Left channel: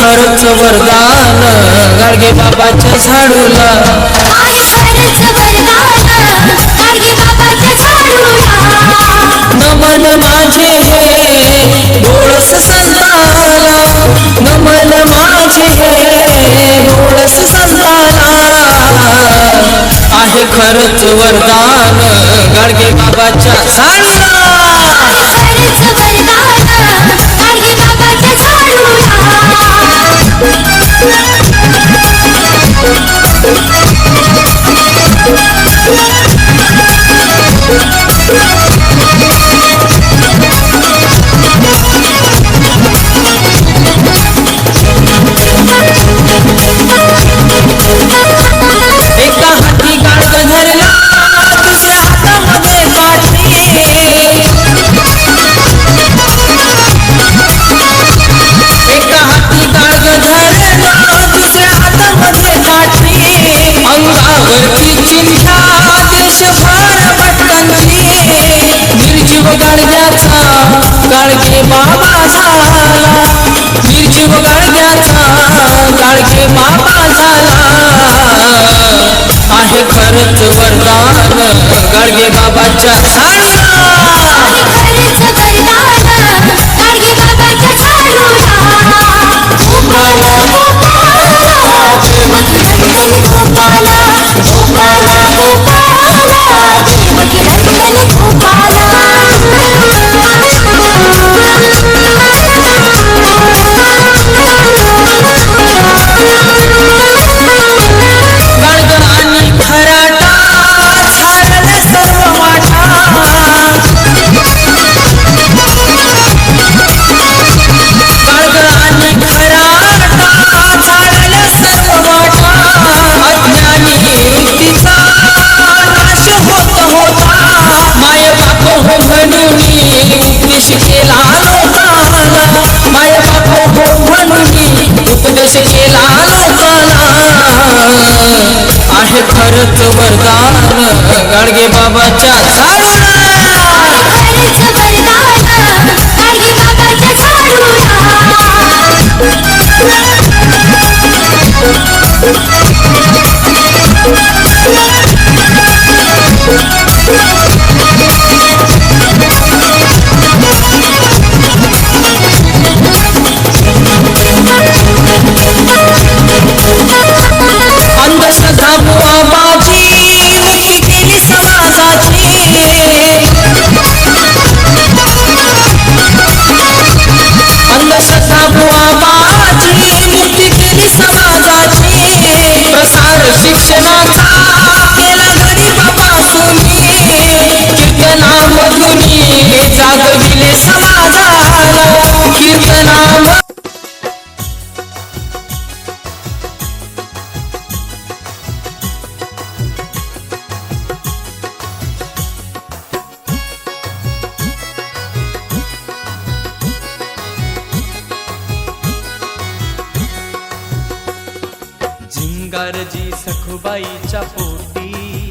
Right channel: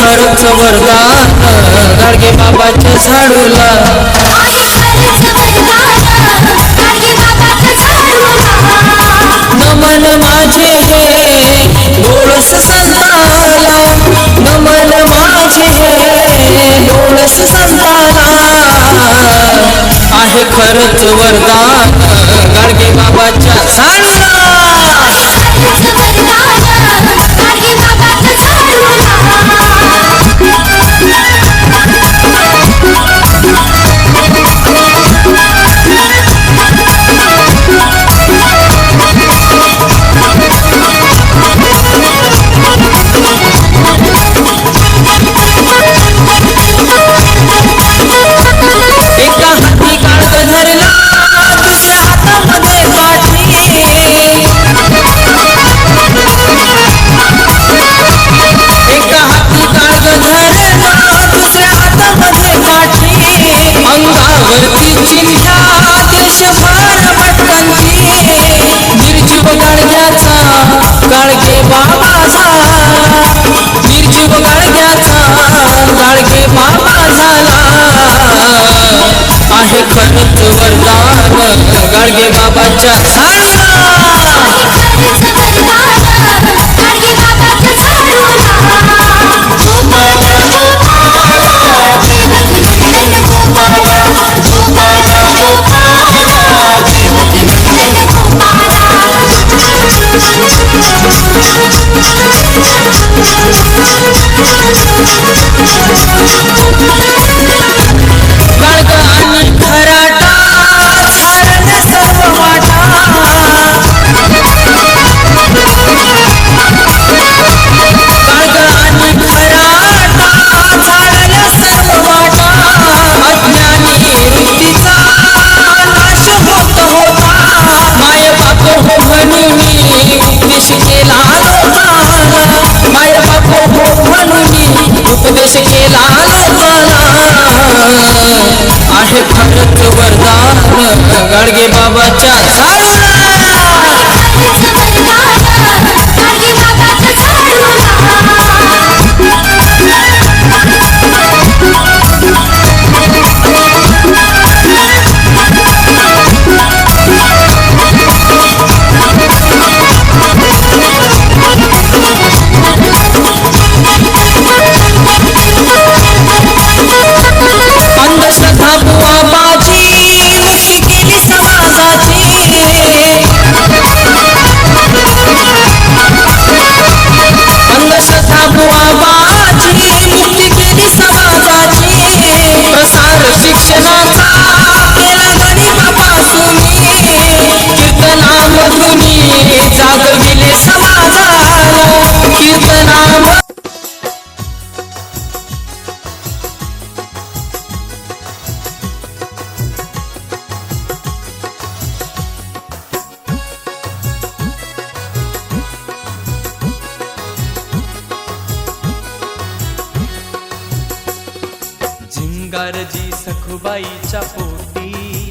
खरंच वरदान गाडगे बाबाच्या झाडूला नमन माझे हे डोळस संताला. नमन माझे हे डोळस संताला. आहे खरंच वरदान गाडगे बाबाच्या झाडूला वरती चिन्ह्या देशभर भटकंती निर्जीव गाडग्याचा गाडगे बाबा झाला. निर्जीव गाडग्याचा गाडगे बाबा झाला. आहे खरंच वरदान गाडगे बाबाच्या झाडूला खरंच वरदान. गाडगे बाबाच्या बाजी मुक्ती केली समाजाची. प्रसार शिक्षणाचा. केला गरीबापासून कीर्तनामधुनी जागविले समाजाला सिंगारजी सखुबाईच्या पोटी.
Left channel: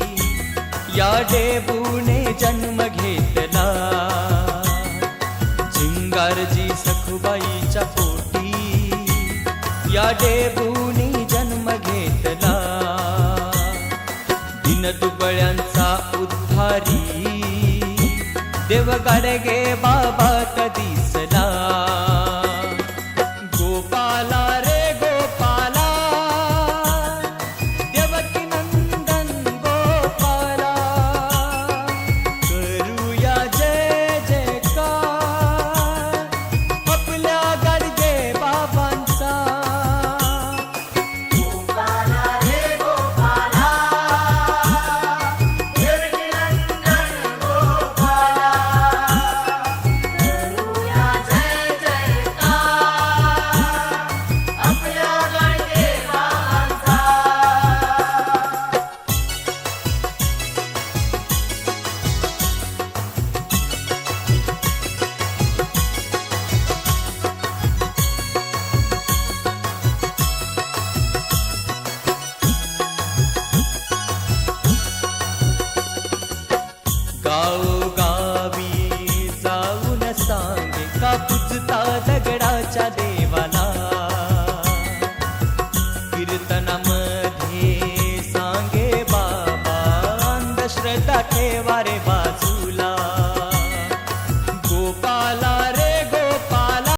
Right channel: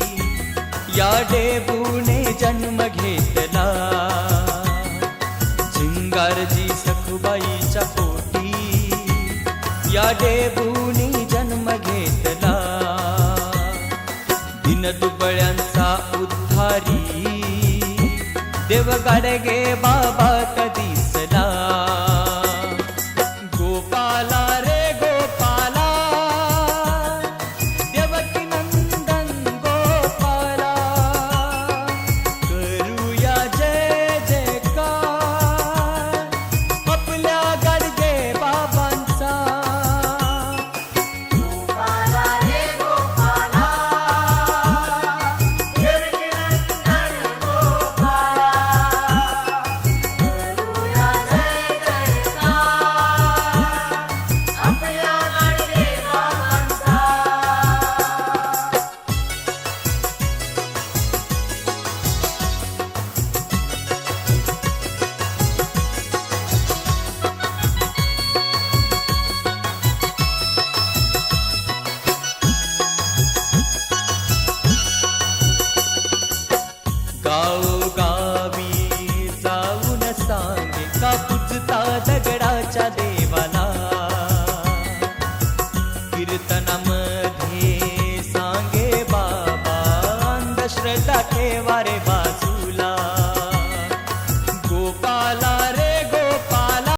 या डेबूने जन्म घेतला. झिंगारजी सखुबाईच्या पोटी. या डेबूने जन्म घेतला. दिनदुबळ्यांचा उद्धारी. देवगाडगे बाबा दिसला का दगडाच्या दे